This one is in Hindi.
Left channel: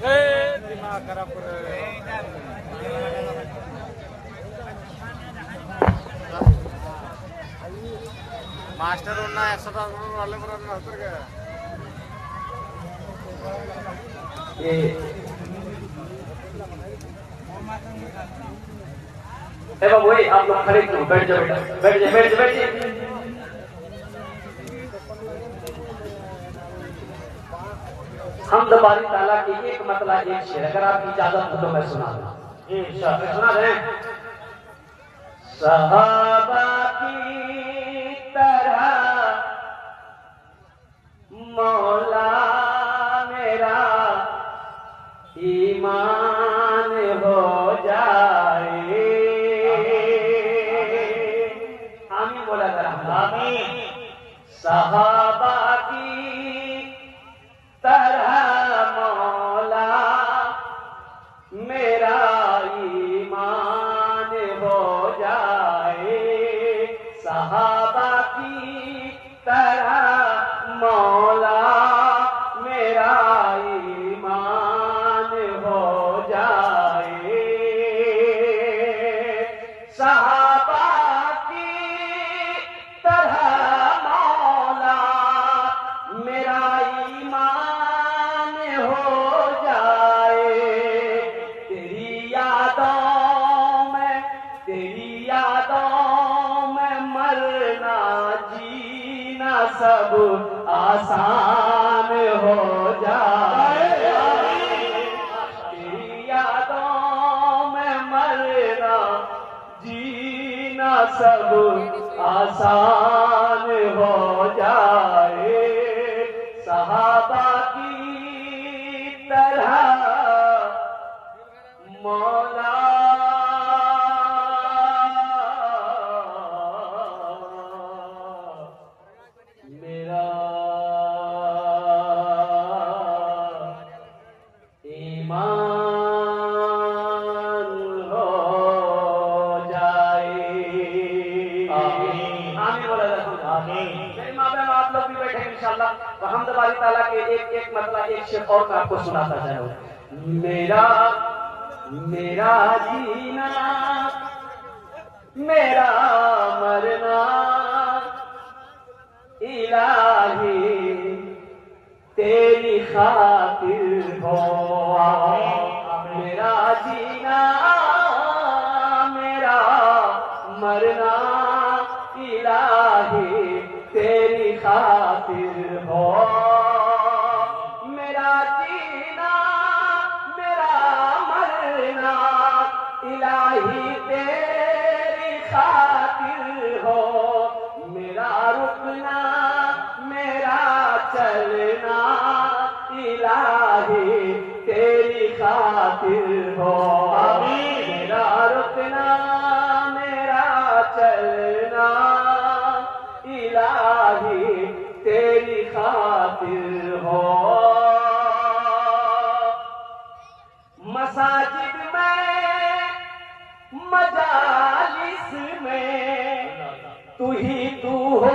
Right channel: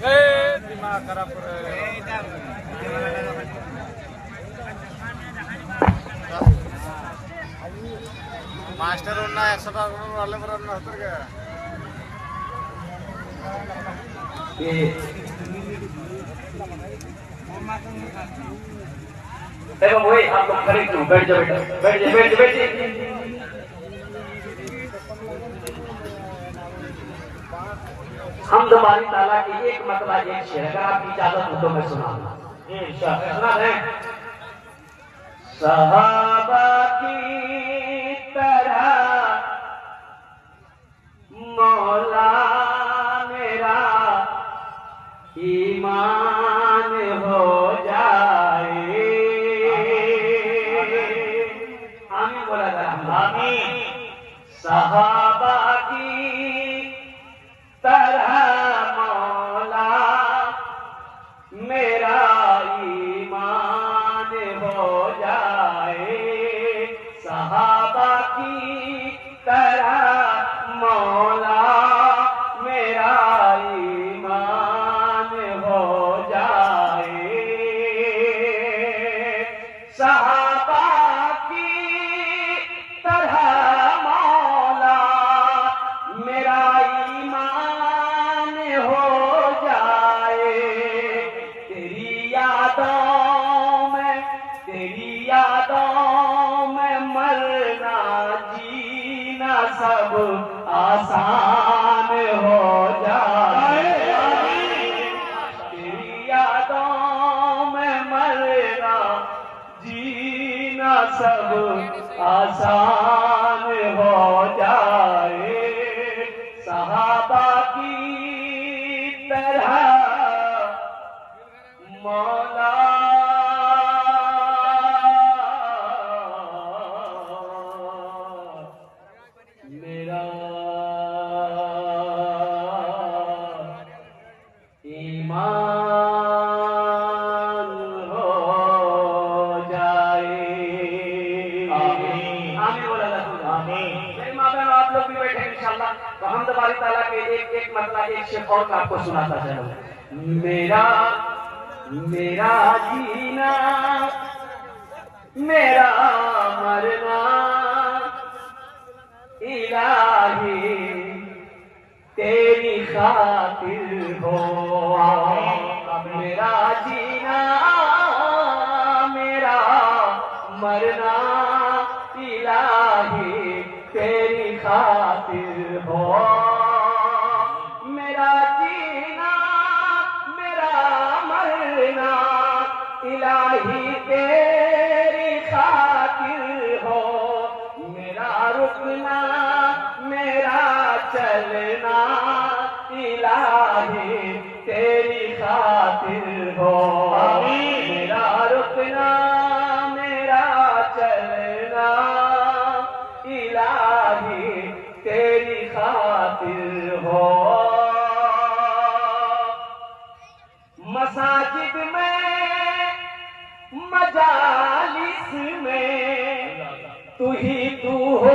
दिमाग खराब कर मास्टर उन्ना 100 টাকা वाले पर ना उतर गया देखो वही आप लोग खड़े क्यों बैठ जाओ बेटा बैठ जाओ बैठ जाओ बैठ जाओ हम दोबारी ताला की एक मतलब एक शेर अगर आपकी इजाजत हो तो मैं सुनाऊंगा सुना है सहाबा की तरह मौला मेरा ईमान हो जाए आमीन बोला था आमीन सहाबा की तरह मौला मेरा ईमान हो जाए सहाबा की तरह मौला मेरा ईमान हो जाए सहाबा की तरह मौला मेरा ईमान हो जाए तेरी यादों में मरना जीना सब आसान हो जाए तेरी यादों में मरना जीना सब आसान हो जाए सहाबा की तरह मौला मेरा ईमान हो जाए आमीन आमीन बोला आमीन मेरे मामले में आप लोग भी बैठे इंशाल्लाह तो हम तबारक ताला के एक मतलब एक शेर और मैं आपको सुनाता जाऊं मेरा जीना मेरा मरना इलाही तेरी खातिर हो मेरा जीना मेरा मरना इलाही तेरी खातिर हो मेरा जीना मेरा मरना इलाही तेरी खातिर हो मेरा रुकना मेरा चलना इलाही तेरी खातिर हो मेरा रुकना मेरा चलना इलाही तेरी खातिर हो मसाजिद में मजालिस में तू ही तू हो